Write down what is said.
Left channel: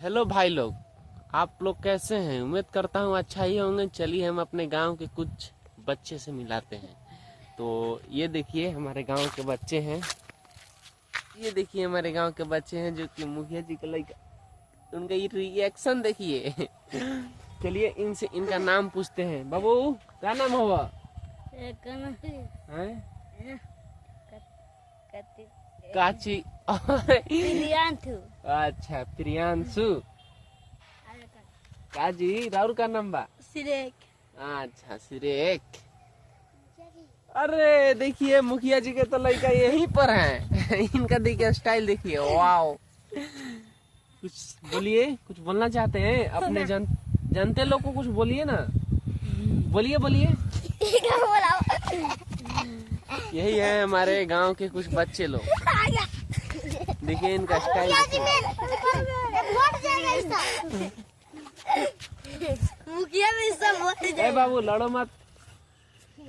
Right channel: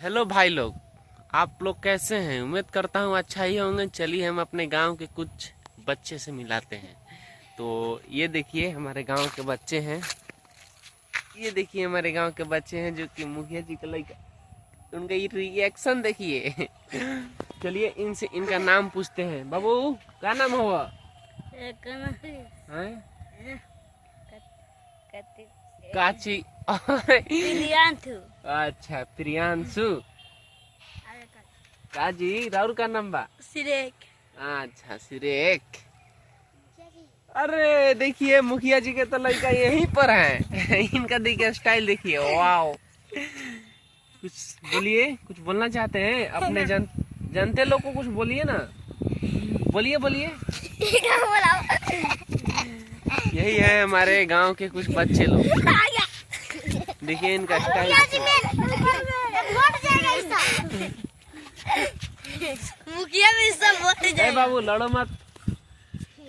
Hello भाई लोग, आप लोग कैसे हैं? उम्मीद करता हूँ अच्छा ही होंगे। चलिए हम अपने गांव के कुछ बच्चे से मिलाते हैं। तो ये देखिए हमारे गांव के बच्चे हैं। ये देखिए हमारे गांव के बच्चे हैं जो कि मुखिया जी का लड़का। उनका ये रिएक्शन देखिए। चलिए इनसे इनका नाम पूछते हैं। बाबू क्या नाम हुआ? काची। अच्छा प्रियांशु। काजी राउर का नाम बा? सिरेक। अच्छा सिरेक। अरे देखिए मुखिया जी के तो लड़का यहीं पर है। इनका देखिए स्टाइल देखिए, वाओ। कुछ बोलिए, कुछ बोलना चाहते हैं अपने जनते लोग को? कुछ बोलिए ना, बोलिए बोलिए। यही है हमारे गांव के कुछ बच्चे लोग। देखिए इनका स्टाइल। मुखिया में सब बोल जाएगा। बाबू लड़ो मत।